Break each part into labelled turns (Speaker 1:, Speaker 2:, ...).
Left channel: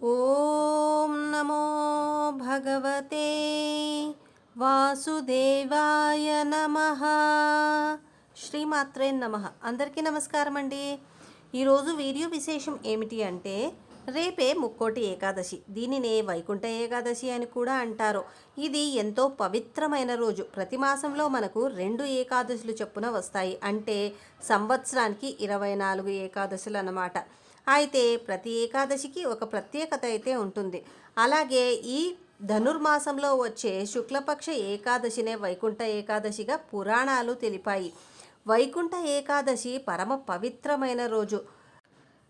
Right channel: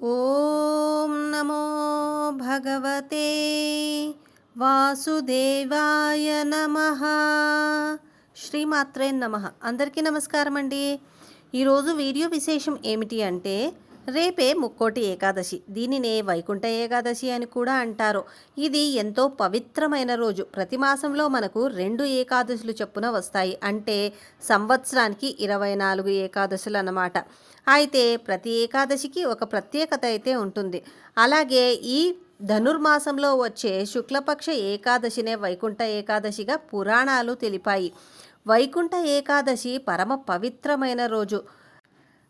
Speaker 1: ఓం నమో భగవతే వాసుదేవాయ నమ. శ్రీమాత్రే నమ. అందరికీ నమస్కారం అండి ఈరోజు వీడియో విశేషం ఏమిటి అంటే రేపే ముక్కోటి ఏకాదశి. దీనినే వైకుంఠ ఏకాదశి అని కూడా అంటారు. ఇది ఎంతో పవిత్రమైన రోజు. ప్రతి మాసంలో మనకు రెండు ఏకాదశులు చొప్పున వస్తాయి. అంటే సంవత్సరానికి ఇరవై నాలుగు ఏకాదశులు అన్నమాట. అయితే ప్రతి ఏకాదశికి ఒక ప్రత్యేకత అయితే ఉంటుంది. అలాగే ఈ ధనుర్మాసంలో వచ్చే శుక్లపక్ష ఏకాదశినే వైకుంఠ ఏకాదశిగా పురాణాలు తెలిపాయి. వైకుంఠ ఏకాదశి పరమ పవిత్రమైన రోజు.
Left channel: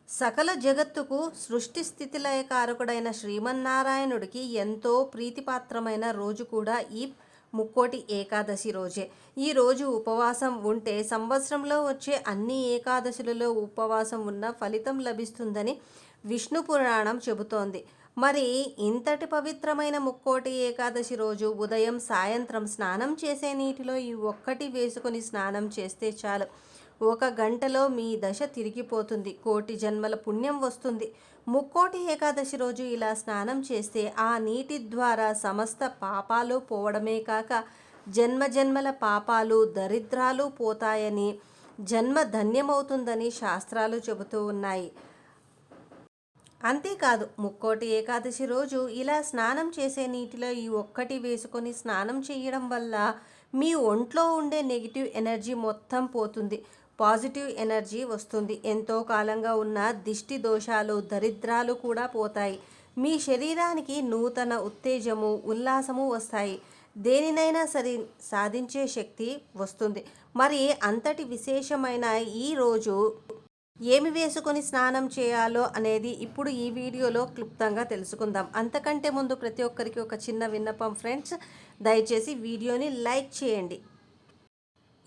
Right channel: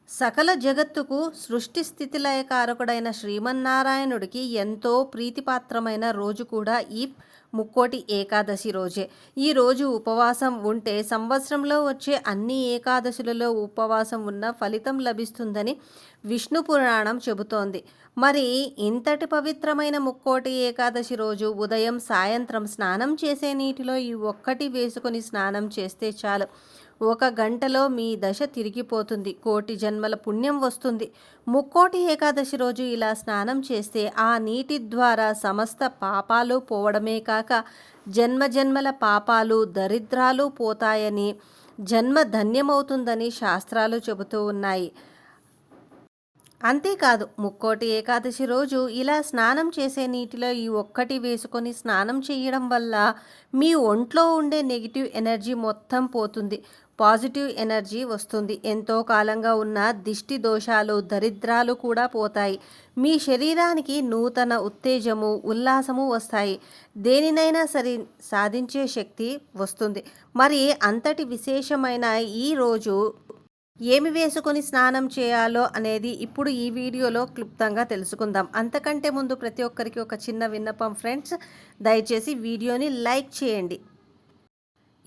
Speaker 1: సకల జగత్తుకు సృష్టి స్థితిలయకారకుడైన శ్రీమన్నారాయణుడికి ఎంతో ప్రీతిపాత్రమైన రోజు కూడా ఈ ముక్కోటి ఏకాదశి రోజే. ఈ రోజు ఉపవాసం ఉంటే సంవత్సరంలో వచ్చే అన్ని ఏకాదశులలో ఉపవాసం ఉన్న ఫలితం లభిస్తుందని విష్ణు పురాణం చెబుతోంది. మరి ఇంతటి పవిత్రమైన ముక్కోటి ఏకాదశి రోజు ఉదయం సాయంత్రం స్నానం చేసే నీటిలో ఈ ఒక్కటి వేసుకొని స్నానం చేస్తే చాలు. ఒక గంటలో మీ దశ తిరిగిపోతుంది. కోటి జన్మల పుణ్యం వస్తుంది. ముక్కోటి ఏకాదశి రోజు ఇలా స్నానం చేస్తే ఆ నీటి ద్వారా సమస్త పాపాలు పోవడమే కాక జన్మ జన్మల పాపాలు దరిద్రాలు పోతాయని జన్మ ధన్యమవుతుందని శాస్త్రాలు చెబుతూ ఉన్నాయి. అంతేకాదు ముక్కోటి ఏకాదశి రోజు ఇలా స్నానం చేసే నీటిలో ఈ ఒక్కటి వేసుకొని స్నానం చేయడం వల్ల మీ ఒంట్లో ఉండే నెగిటివ్ ఎనర్జీ మొత్తం పోతుంది. పాజిటివ్ ఎనర్జీ వస్తుంది. ఎంతో కాలంగా ఉన్న దిష్టి దోషాలు దరిద్రాలు కూడా పోతాయి. మీ శరీరానికి నూతన ఉత్తేజము ఉల్లాసము వస్తాయి. దేనినైనా సరే సాధించే శక్తి వస్తుంది. మరి అంతటి విశేషమైన ఈ రోజు ఏమి వేసుకొని స్నానం చేయాలో అనేది ఇప్పుడు ఈ వీడియోలో క్లుప్తంగా తెలుసుకుందాం. అంతకంటే ముందు ప్రతి ఒక్కరికి ఒక చిన్న విన్నపం ఫ్రెండ్స్. దయచేసి వీడియోని లైక్ చేయండి.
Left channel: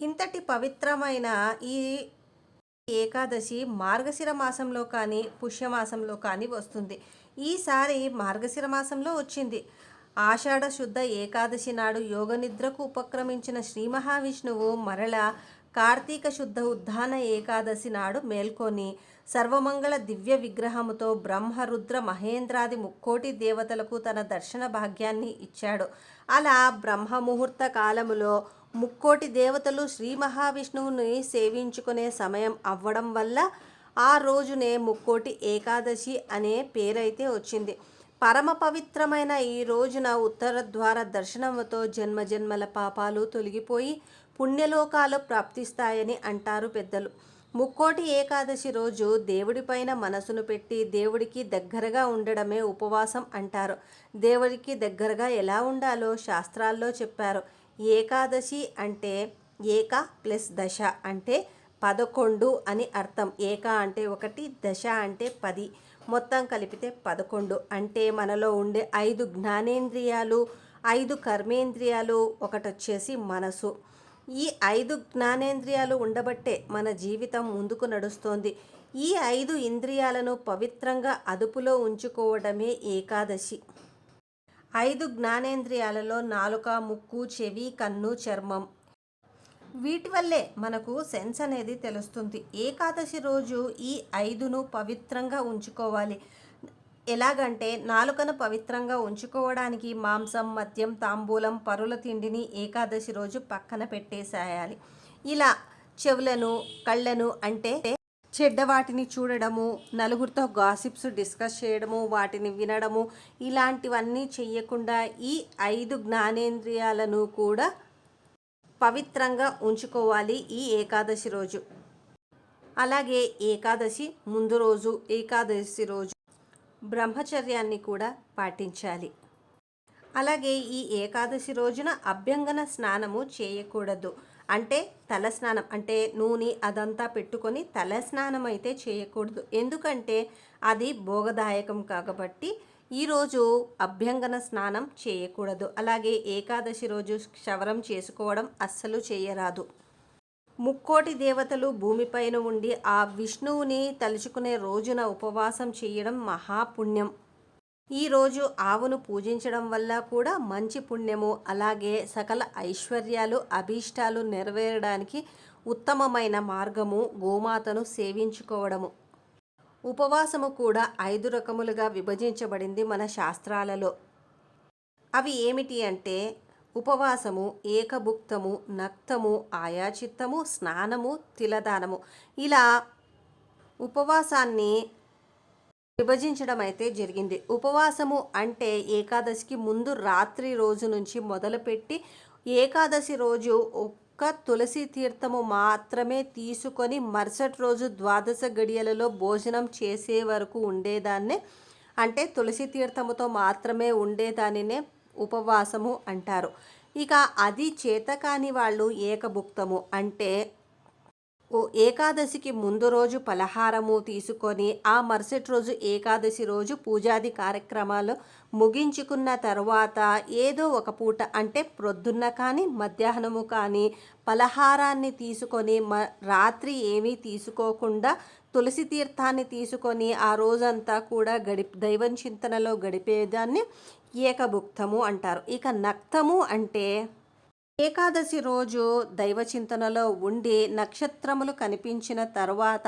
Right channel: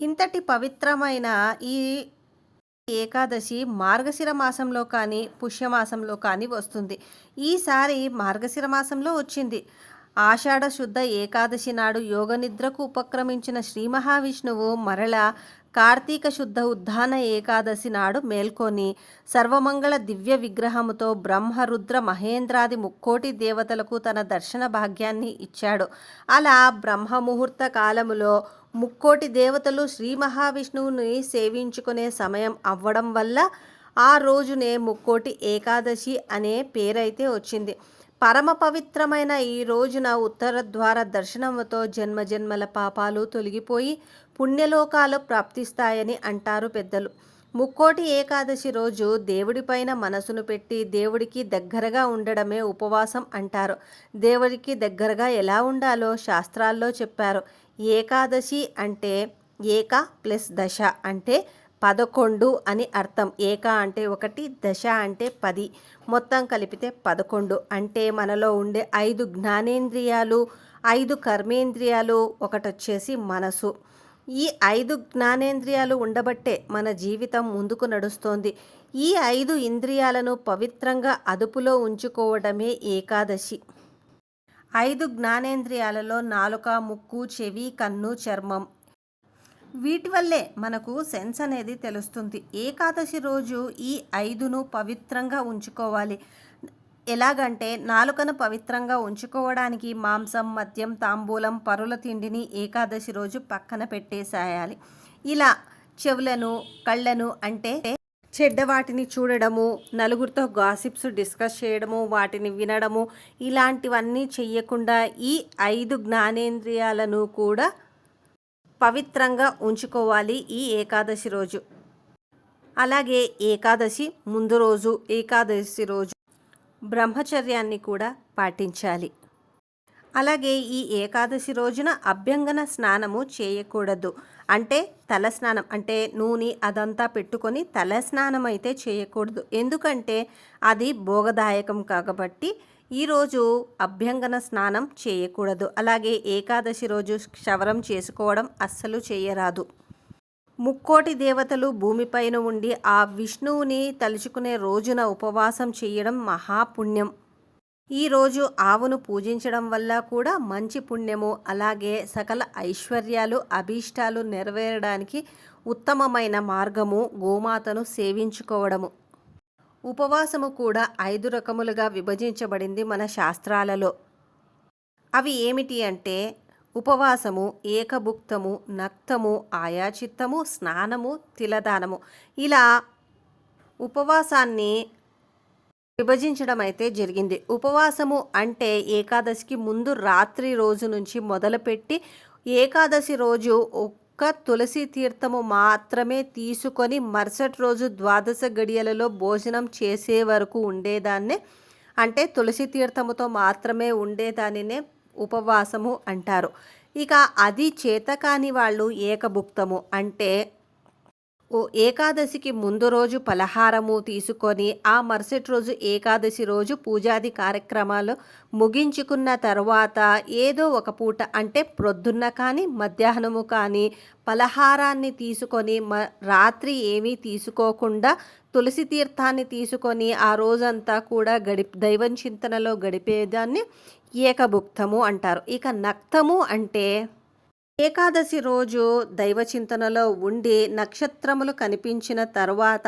Speaker 1: ఇంతటి పవిత్రమైన ఈ ఏకాదశి మార్గశిర మాసంలో కానీ పుష్యమాసంలో కానీ వస్తుంది. ఈసారి మార్గశిర మాసంలో వచ్చింది. ఆషాఢ శుద్ధ ఏకాదశి నాడు యోగనిద్రకు ఉపక్రమించిన శ్రీ మహావిష్ణువు మరల కార్తీక శుద్ధ ఉద్ధాన ఏకాదశి నాడు మేల్కొని సర్వమంగళ దివ్య విగ్రహముతో బ్రహ్మరుద్ర మహేంద్రాది ముక్కోటి దేవతలకు తన దర్శన భాగ్యాన్ని ఇచ్చాడు. అలా బ్రహ్మముహూర్త కాలములో ముక్కోటి దేవతలు శ్రీ మహావిష్ణువుని సేవించుకునే సమయం అవ్వడం వల్ల ఆ రోజునే ముక్కోటి ఏకాదశి అనే పేరైతే వచ్చింది. పరమ పవిత్రమైన ఈ రోజున ఉత్తర ద్వార దర్శనంతో జన్మజన్మల పాపాలు తొలగిపోయి పుణ్యలోకాలు ప్రాప్తిస్తాయని అంటారు పెద్దలు. ముక్కోటి ఏకాదశి రోజు దేవుడిపైన మనసును పెట్టి దేవుడికి దగ్గరగా ఉండడమే ఉపవాసం అంటారు. దేవుడికి దగ్గరగా ఎలా ఉండాలో శాస్త్రాల్లో చెప్పారు. ఏకాదశి అంటే ఏక ప్లస్ దశ అంటే పదకొండు అని అర్థం. ఏక అంటే ఒకటి దశ అంటే పది. మొత్తం కలిపితే పదకొండు. అంటే మనలో ఉండే ఐదు జ్ఞానేంద్రియాలు ఐదు కర్మేంద్రియాలు ఒకటి వచ్చేసి మనసు. ఈ ఐదు జ్ఞానేంద్రియాలు ఉండబట్టే మన జీవితం ముందుకు నడుస్తోంది. ఈ ఐదు ఇంద్రియాలను పవిత్రంగా అదుపులో ఉంచుకోవడమే ఏకాదశి. ఐదు జ్ఞానేంద్రియాలలో నాలుక ముక్కు చెవి కన్ను చర్మం. వీటి వల్లే మనకు సెన్స్ అనేది తెలుస్తుంది. ఏకాదశి రోజు ఈ ఐదును పవిత్రంగా ఉంచుకోవాలి. ఎలాగంటే నాలుకను పవిత్రంగా ఉంచుకోవడానికి మాంసం మద్యం తాంబూలం పరుల తిండిని ఏకాదశి రోజు పక్కన పెట్టేసేయాలి. ఇలా చెవులను కళ్ళను అంటే చెడ్డ వాటిని చూడడము నలుగురితో గాసిప్స్ డిస్కస్ చేయడము వాటిని వినడము ఇలాంటివన్నీ చెయ్యకుండా ఈ ఐదు జ్ఞానేంద్రియాలను కూడా పవిత్రంగా ఉంచుకోవాలి ఈ ఏకాదశి రోజు. అలాగే ఏకాదశి ముందు రోజు ఏకాదశి రోజు బ్రహ్మచర్యాన్ని కూడా పాటించాలి. అలాగే ఈ ఏకాదశి రోజున అభ్యంగన స్నానము చేయకూడదు. అంటే తలస్నానం అంటే నూనె అదంతా పెట్టుకొని తలస్నానం అయితే చేయకూడదు. ఎందుకంటే అది భోగదాయకం కాబట్టి ఈరోజు అభ్యంగన స్నానం చేయకూడదు. అలాగే ఏకాదశి రోజు క్షవరం చేసుకోవడం అస్సలు చేయరాదు. ముక్కోటి దేవతలు భూమిపైన ఉండి ఆ విష్ణువుని తలుచుకునే రోజున ఉపవాసం చేయడం మహాపుణ్యం ఈరోజు ఆవును పూజించడం వల్ల కూడా మంచి పుణ్యము. అలాగే సకల ఐశ్వర్యాలు అభీష్టాలు నెరవేరడానికి ఉత్తమమైన మార్గము గోమాతను సేవించుకోవడము. ఉపవాసము కూడా ఐదు రకములుగా విభజించబడింది మన శాస్త్రాలలో. అవి ఏమిటి అంటే ఉపవాసము ఏకభుక్తము నక్తము ఆయాచిత్తము స్నానము తిలదానము. ఇలా ఉపవాసాన్ని విభజించడం అయితే జరిగింది. ఉపవాసము అంటే ఏకాదశికి ముందు రాత్రి రోజు నుంచి మొదలుపెట్టి ఏకాదశి రోజు ఒక్క తులసి తీర్థము మాత్రమే తీసుకొని మరుసటి రోజు ద్వాదశ గడియలలో భోజనం చేసే వరకు ఉండేదాన్నే అంటే తులసి తీర్థముతో మాత్రమే ఉండేదానినే ఉపవాసము అంటారు. ఇక అది చేతకాని వాళ్ళు ఏకభుక్తము అంటే ఓ ఏకాదశికి ముందు రోజు పలహారము తీసుకొని ఆ మరుసటి రోజు ఏకాదశి రోజు పూజాది కార్యక్రమాలు ముగించుకున్న తర్వాత ఏదో ఒక పూట అంటే ప్రొద్దున్న కానీ మధ్యాహ్నము కానీ పలహారాన్ని తీసుకొని మ రాత్రి ఏమీ తీసుకోకుండా తులసి తీర్థాన్ని తీసుకొని ఆ రోజంతా కూడా గడి దైవం చింతనలో గడిపేదాన్ని ఏకభుక్తము అంటారు. ఇక నక్తము అంటే ఏకాదశి రోజు దైవచింతనలో ఉండి నక్షత్రములు కనిపించిన తర్వాత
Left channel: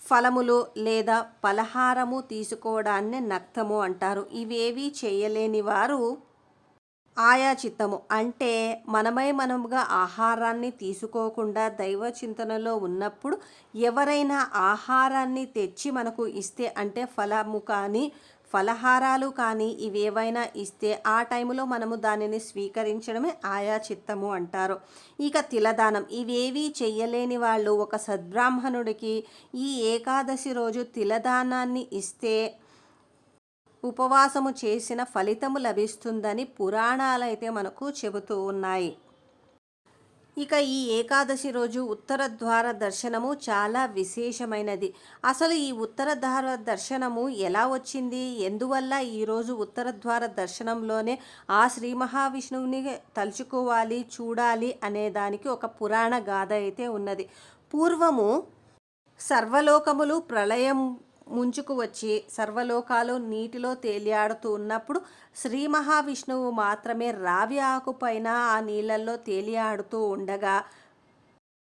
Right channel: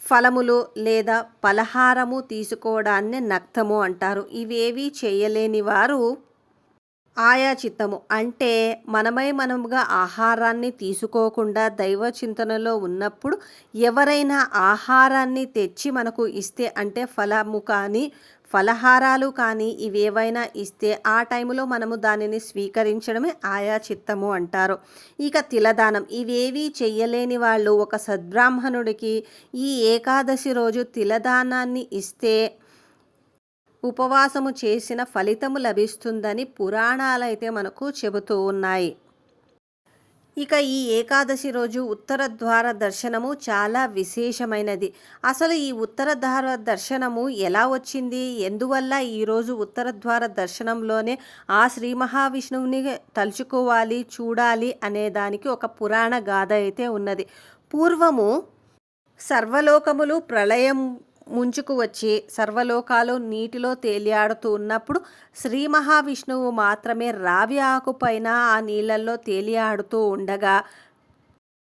Speaker 1: ఫలములు లేదా పలహారము తీసుకోవడాన్ని నక్తము అంటారు. ఇవేవి చేయలేని వారు ఆయా చిత్తము. అంటే మనమై మనముగా ఆహారాన్ని తీసుకోకుండా దైవ చింతనలో ఉన్నప్పుడు ఎవరైనా ఆహారాన్ని తెచ్చి మనకు ఇస్తే అంటే ఫలము కానీ ఫలహారాలు కానీ ఇవేవైనా ఇస్తే ఆ టైంలో మనము దానిని స్వీకరించడమే ఆయా చిత్తము అంటారు. ఇక తిలదానం. ఇవేవి చెయ్యలేని వాళ్ళు ఒక సద్బ్రాహ్మణుడికి ఈ ఏకాదశి రోజు తిలదానాన్ని ఇస్తే ఉపవాసము చేసిన ఫలితము లభిస్తుందని పురాణాలైతే మనకు చెబుతూ ఉన్నాయి. ఇక ఈ ఏకాదశి రోజు ఉత్తర ద్వార దర్శనము చాలా విశేషమైనది. అసలు ఈ ఉత్తర ద్వార దర్శనము ఎలా వచ్చింది? ఎందువల్ల ఈరోజు ఉత్తర ద్వార దర్శనంలోనే ఆ శ్రీ మహావిష్ణువుని తలుచుకోవాలి చూడాలి అనే దానికి ఒక పురాణ గాథ అయితే ఉన్నది. పూర్వము సర్వలోకములు ప్రళయం ముంచుకు వచ్చి సర్వలోకాలు నీటిలో తేలియాడుతూ ఉన్నప్పుడు శ్రీ మహావిష్ణువు మాత్రమే రావి ఆకుపైన ఆ నీళ్ళల్లో తేలియాడుతూ ఉండగా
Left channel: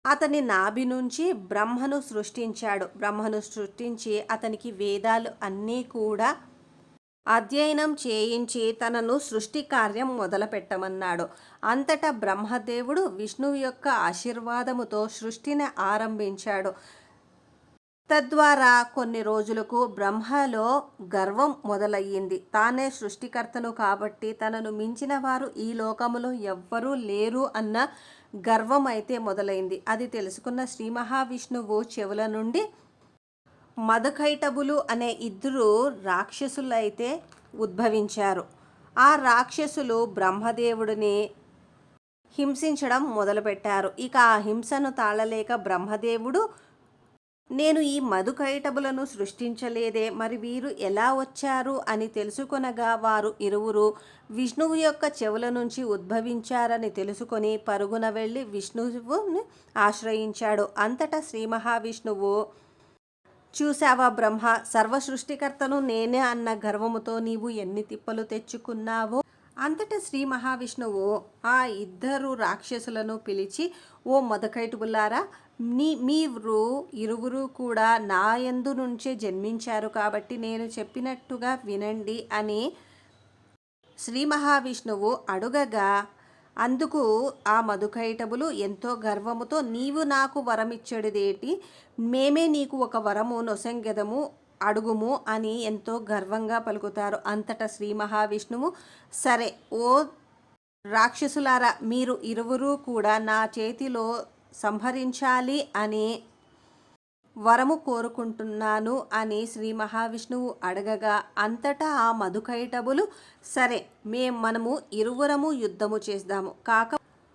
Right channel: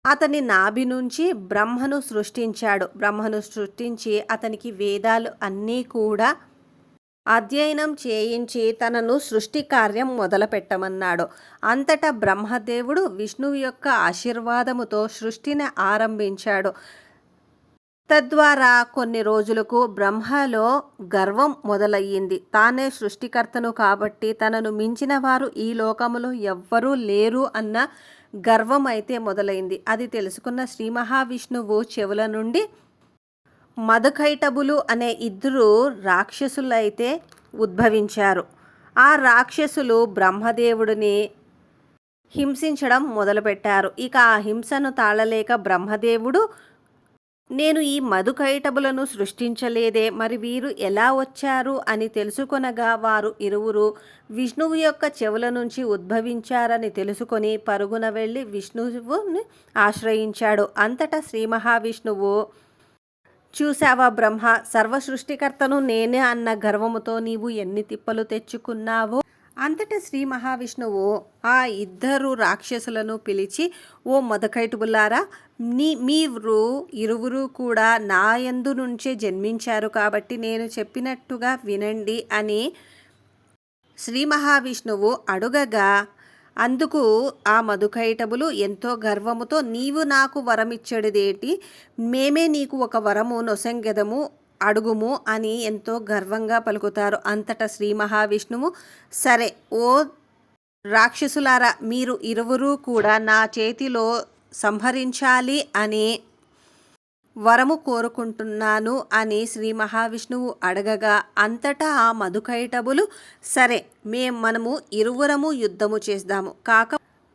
Speaker 1: అతని నాభి నుంచి బ్రహ్మను సృష్టించాడు. బ్రహ్మను సృష్టించి అతనికి వేదాలు అన్నీ కూడా అధ్యయనం చేయించి తనను సృష్టి కార్యం మొదలుపెట్టమన్నాడు. అంతటా బ్రహ్మదేవుడు విష్ణువు యొక్క ఆశీర్వాదముతో సృష్టిని ఆరంభించాడు. తద్వారా కొన్ని రోజులకు బ్రహ్మలో గర్వం మొదలయ్యింది. తానే సృష్టికర్తను కాబట్టి తనను మించిన వారు ఈ లోకములో ఎవ్వరూ లేరు అన్న గర్వం అయితే మొదలైంది. అది తెలుసుకున్న శ్రీ మహావిష్ణువు చెవుల నుండి మధుకైటబులు అనే ఇద్దరు రాక్షసులైతే ఉద్భవించారు. ఆ రాక్షసులు బ్రహ్మదేవుడిని హింసించడం మొదలుపెట్టారు. ఇక ఆ హింసను తాళలేక బ్రహ్మదేవుడు నేను ఈ మధుకైటబులను సృష్టించలేదే మరి వీరు ఎలా వచ్చారు అని తెలుసుకొనగా వారు ఇరువురు విష్ణువు యొక్క చెవుల నుంచి ఉద్భవించారని తెలుసుకొని పరుగున వెళ్ళి విష్ణువుని ఆశ్రయించాడు. అంతటా శ్రీ మహావిష్ణువు చూశావా బ్రహ్మ సర్వ సృష్టికర్తను నేనే అన్న గర్వముతో నీవు ఎన్ని తిప్పలు తెచ్చుకున్నావో? అంతటా శ్రీ మహావిష్ణువు ఆ ఇద్దరు రాక్షసులను పిలిచి ఓ మధుకైటుబులారా నీ మీరు ఇరువురు కూడా నా యందు నుంచే జన్మించారు కాబట్టి నేను చెప్పినట్టుగా వినండి అని శ్రీ మహావిష్ణువు అడుగగా అందుకు ఆ మధుకైటబులు ఎంతో గర్వముతో నీవు నాకు వరమిచ్చడిదేటి? మేమే నీకు ఒక వరము నొసంగెదము అడుగుము అని ఎంతో గర్వంగా పలుకుతారు. అంతటా శ్రీ మహావిష్ణువు సరే ఓ రాక్షసులారా మీరు ఇరువురు కూడా నా చేతిలో సంహరించాలి అని వరము కోరుకుంటున్నాను అని శ్రీ మహావిష్ణువు అడగగా అంతటా ఆ మధుకైటబులు సరే మేం మనము ఇరువురము యుద్ధము చేద్దాము కాక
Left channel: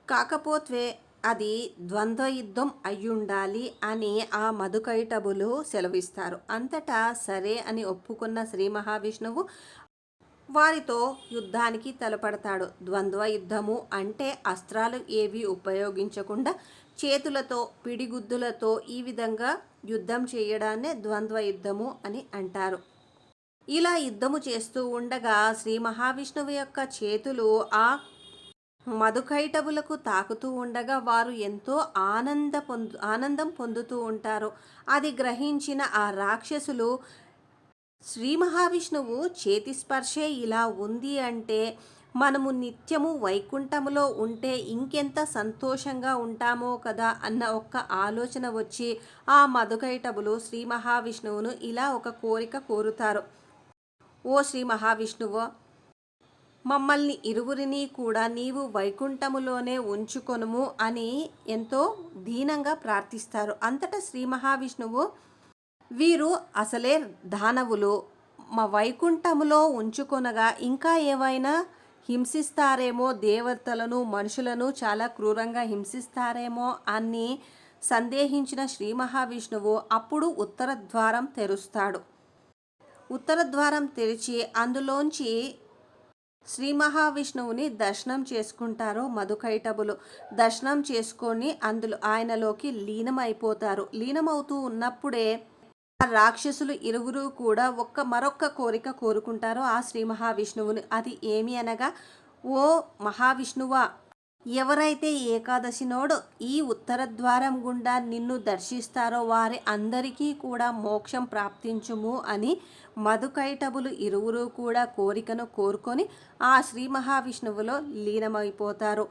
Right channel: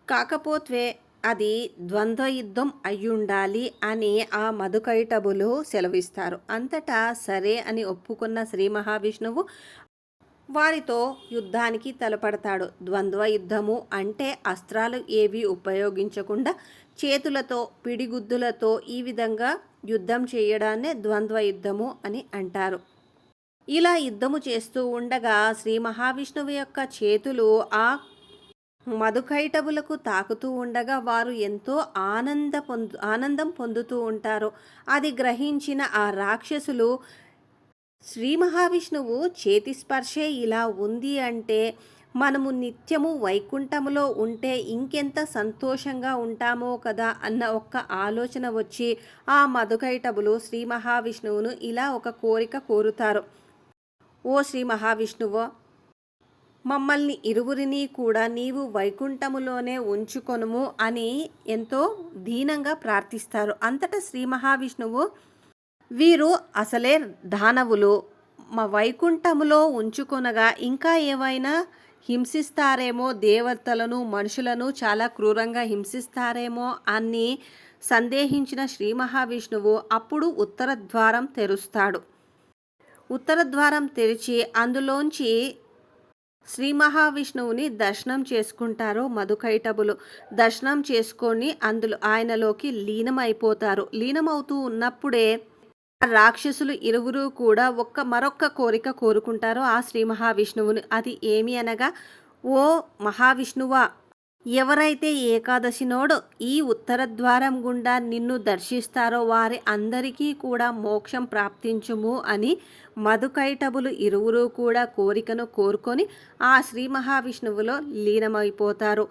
Speaker 1: కాకపోతే అది ద్వంద్వ యుద్ధం అయ్యుండాలి అని ఆ మధుకైటబులు సెలవిస్తారు. అంతటా సరే అని ఒప్పుకున్న శ్రీ మహావిష్ణువు వారితో యుద్ధానికి తలపడతాడు. ద్వంద్వ యుద్ధము అంటే అస్త్రాలు ఏవి ఉపయోగించకుండా చేతులతో పిడిగుద్దులతో ఈ విధంగా యుద్ధం చేయడాన్నే ద్వంద్వ యుద్ధము అని అంటారు. ఇలా యుద్ధము చేస్తూ ఉండగా శ్రీ మహావిష్ణువు యొక్క చేతులు ఆ మధుకైటవులకు తాకుతూ ఉండగా వారు ఎంతో ఆనంద పొందు ఆనందం పొందుతూ ఉంటారు. అది గ్రహించిన ఆ రాక్షసులు శ్రీ మహావిష్ణువు చేతి స్పర్శే ఇలా ఉంది అంటే మనము నిత్యము వైకుంఠములో ఉంటే ఇంకెంత సంతోషంగా ఉంటామో కదా అన్న ఒక్క ఆలోచన వచ్చి ఆ మధుకైటబులు శ్రీ మహావిష్ణువును ఇలా ఒక కోరిక కోరుతారు. ఓ శ్రీ మహావిష్ణువు మమ్మల్ని ఇరువురిని కూడా నీవు వైకుంఠములోనే ఉంచుకొనుము అని ఎంతో దీనంగా ప్రార్థిస్తారు. అంతటా శ్రీ మహావిష్ణువు వీరు అసలే దానవులు. మా వైకుంఠములో ఉంచుకొనగా ఇంకా ఏవైనా హింసిస్తారేమో దేవతలను మనుషులను చాలా క్రూరంగా హింసిస్తారేమో అని సందేహించిన శ్రీ మహావిష్ణువు అప్పుడు ఉత్తర ద్వారం తెరుస్తాడు. ఉత్తర ద్వారం తెరిచి అందులోంచి శ్రీ మహావిష్ణువుని దర్శనం చేసుకుంటారు మధుకైటబులు. దర్శనం చేసుకొని అందులో ఆయనలోకి లీనమైపోతారు. లీనమవుతూ ఉన్నప్పుడే రాక్షసులు ఇరువురు కూడా ఒక్క మరొక్క కోరిక కోరుకుంటారో ఆ శ్రీ మహావిష్ణువుని. అది ఏమి అనగా ఓ మహావిష్ణువా ఎవరైతే ఏకాదశినోడో ఈ ఉత్తర ద్వారం గుండా నిన్ను దర్శిస్తారో వారి అందరికీ కూడా మోక్షం ప్రాప్తించుము అని మధుకైటబులు ఇరువురు కూడా కోరికను కోరుకొని ఆ శ్రీ మహావిష్ణువులో లీనమైపోతారు.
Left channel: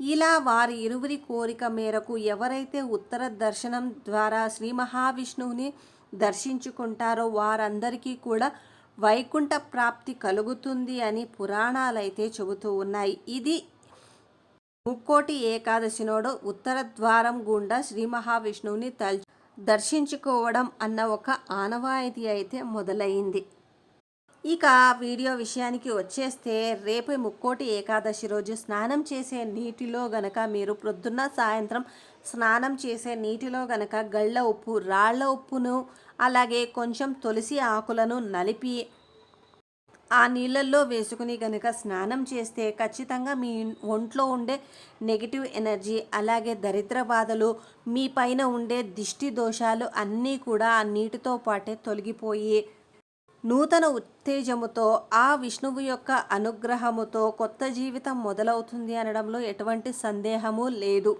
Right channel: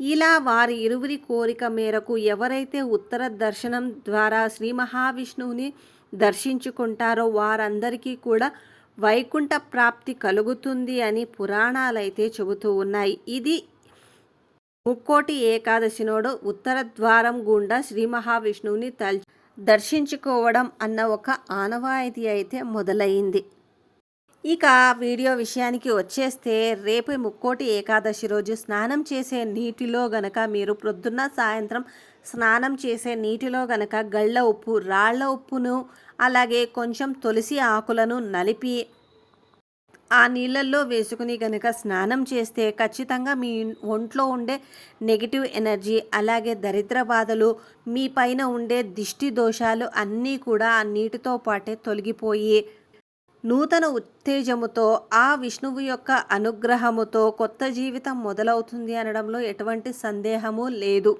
Speaker 1: ఇలా వారి ఇరువురి కోరిక మేరకు ఎవరైతే ఉత్తర దర్శనం ద్వారా శ్రీ మహావిష్ణువుని దర్శించుకుంటారో వారందరికీ కూడా వైకుంఠ ప్రాప్తి కలుగుతుంది అని పురాణాలైతే చెబుతూ ఉన్నాయి. ఇది ముక్కోటి ఏకాదశి నోడు ఉత్తర ద్వారం గుండా శ్రీ మహావిష్ణువుని తల్ దర్శించుకోవడం అన్న ఒక ఆనవాయితీ అయితే మొదలైంది. ఇక వీడియో విషయానికి వచ్చేస్తే రేపు ముక్కోటి ఏకాదశి రోజు స్నానం చేసే నీటిలో గనక మీరు ప్రొద్దున్న సాయంత్రం స్నానం చేసే నీటిలో గనక గళ్ళ ఉప్పు రాళ్ళ ఉప్పును అలాగే కొంచెం తులసి ఆకులను నలిపి ఆ నీళ్ళల్లో వేసుకుని కనుక స్నానం చేస్తే ఖచ్చితంగా మీ ఒంట్లో ఉండే నెగిటివ్ ఎనర్జీ అలాగే దరిద్ర బాధలు మీ పైన ఉండే దిష్టి దోషాలు అన్నీ కూడా ఆ నీటితో పాటే తొలగిపోయి నూతన ఉత్తేజముతో ఆ విష్ణువు యొక్క అనుగ్రహముతో కొత్త జీవితం మొదలవుతుంది అనడంలో ఎటువంటి సందేహము లేదు.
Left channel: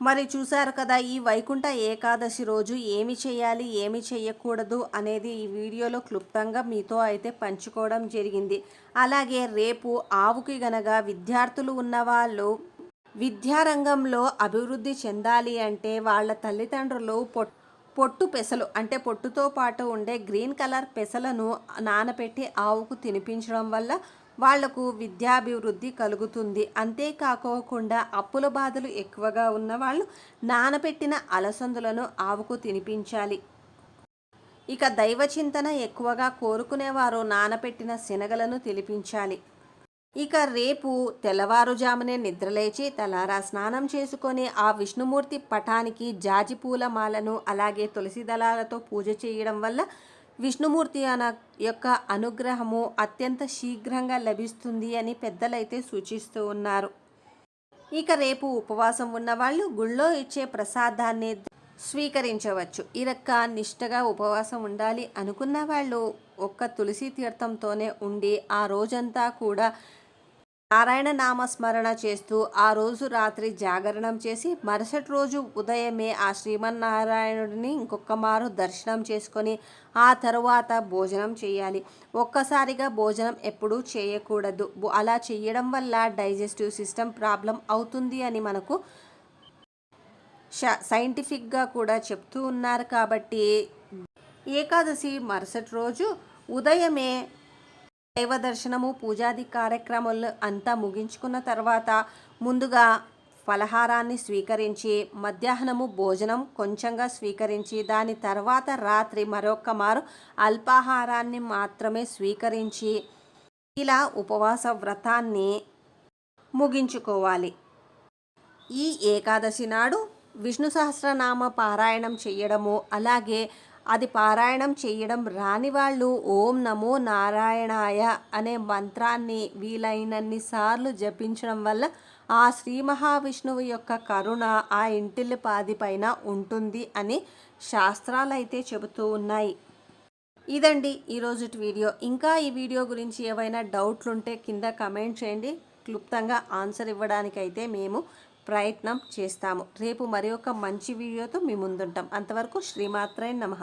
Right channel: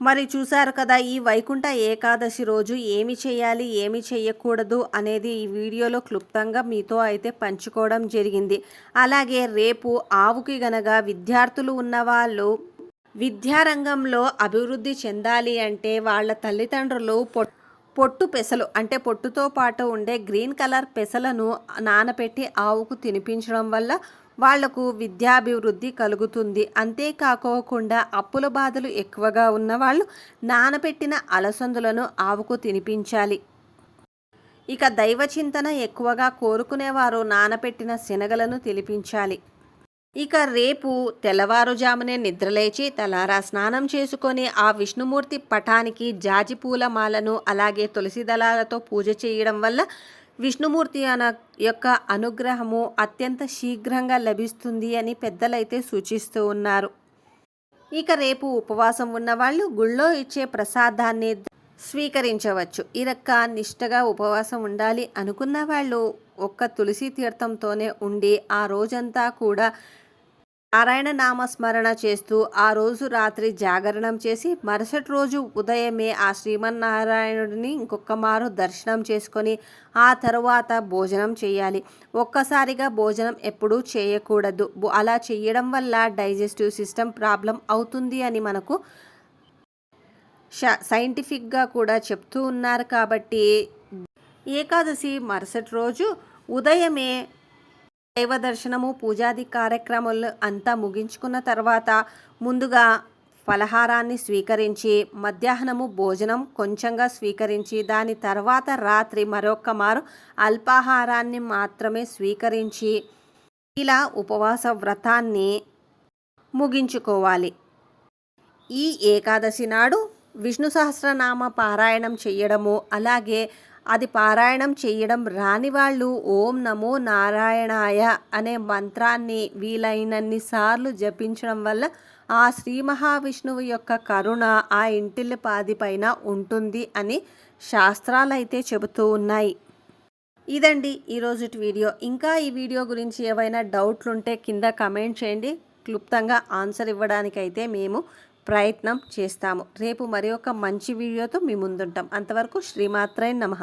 Speaker 1: మరి చూశారు కదా ఈ వైకుంఠ ఏకాదశి రోజు ఏమి చేయాలి ఏమి చేయకూడదు అనేది ఈ వీడియోలో క్లుప్తంగా మీతో అయితే పంచుకోవడం జరిగింది. అలాగే రేపు ఆవుకి గనక విద్యార్థులు ఉన్నవాళ్ళు విద్యారంగంలో అభివృద్ధి చెందాలి అంటే వాళ్ళ తల్లిదండ్రులు పొట్ పొట్టు పెసలు అంటే పొట్టుతో పాటు ఉండే గ్రీన్ కలర్ పెసలను నానబెట్టి ఆవుకు తినిపించడం వల్ల వాళ్ళకు విద్యాభివృద్ధి కలుగుతుంది. అంతేకాకోకుండా అప్పుల బాధలు ఎక్కువగా ఉన్నవాళ్ళు నానబెట్టిన అలసందులను ఆవుకు తినిపించాలి. ఇక దైవ చింతన ఎక్కువగా కోరుకునేవారు నానపెట్టిన శనగలను తినిపించాలి. ఇక రేపు తెల్లవారుజామునే నిద్రలేచి తలారా స్నానం చేసుకొని ఆ విష్ణుమూర్తి పటానికి జాజి పూల మాలను అలాగే తులసి దళాలతో పూజ చేయడం వల్ల విష్ణుమూర్తి అన యొక్క అనుగ్రహము అత్యంత శీఘ్రంగా లభిస్తుంది అని పెద్దలైతే సూచిస్తూ ఉన్నారు. ఇక రేపు ఉపవాసం ఉన్నవాళ్ళు గుళ్ళో ఇచ్చే ప్రసాదాన్ని స్వీకరించవచ్చు. ఈ రక్క నిష్టగా ఉపవాసం ఉండాలి అనుకున్న వాళ్ళు ఒక్క తులసి తీర్థంతోనే ఉండి ఆ రోజంతా కూడా నారాయణ నామస్మరణ చేస్తూ ఆ రోజు రాత్రి జాగరణం చేసి మరుసటి రోజు ఉదయమే ఆ శ్రీమన్నారాయణుడిని ఇంకొక మారు దర్శనం చేసుకొని ఆ తరువాత భోజనం చేయాలి. ఒక్కసారిగా భోజనం ఎప్పుడూ చేయకూడదు. అలా చేయడం వల్ల డైజెస్టివ్ సిస్టమ్ ప్రాబ్లం అవుతుంది అని మనకు సైంటిఫిక్గా కూడా చెప్తూ ఉన్నారు కాబట్టి ఏకాదశి మరుసటి రోజు ఉదయమే దైవ దర్శనము పూజాది కార్యక్రమాలు అంతా ముగించుకున్న తర్వాత ముందుగా ఫలహారాన్ని స్వీకరించి మధ్యాహ్నము భోజనం కొంచెంగా స్వీకరించి దాని తర్వాత రాత్రి మరొక మారు అల్పాహారాన్ని మాత్రమే స్వీకరించి ఇలా ఉపవాస వ్రతాన్ని ముగించుకోవాలి. ఈ ఏకాదశి నాడు విష్ణు సహస్రనామ పారాయణం చేయడము అలాగే అది పారాయణం చేయడం రాని వాళ్ళు ఓం నమో నారాయణాయ అనే మంత్రాన్ని వీలైనన్ని సార్లు జపించడం వల్ల ఆ శ్రీ మహావిష్ణువు యొక్క కరుణ ఆ ఇంటిల్లి పాది పైన ఉంటుంది అని శాస్త్రాలు అయితే చెబుతూ ఉన్నాయి. ఇదండి ఈరోజు వీడియో. ఇంకా ఈ వీడియో గురించి ఏవైనా డౌట్లు ఉంటే కింద కమెంట్ చేయండి. క్లుప్తంగా ఆన్సర్ ఇవ్వడానికైతే మేము ప్రయత్నం చేస్తాము. రేపు మరి ఒక మంచి వీడియోతో మీ ముందుంటాం. అంతవరకు శ్రీమాత్రై నమః.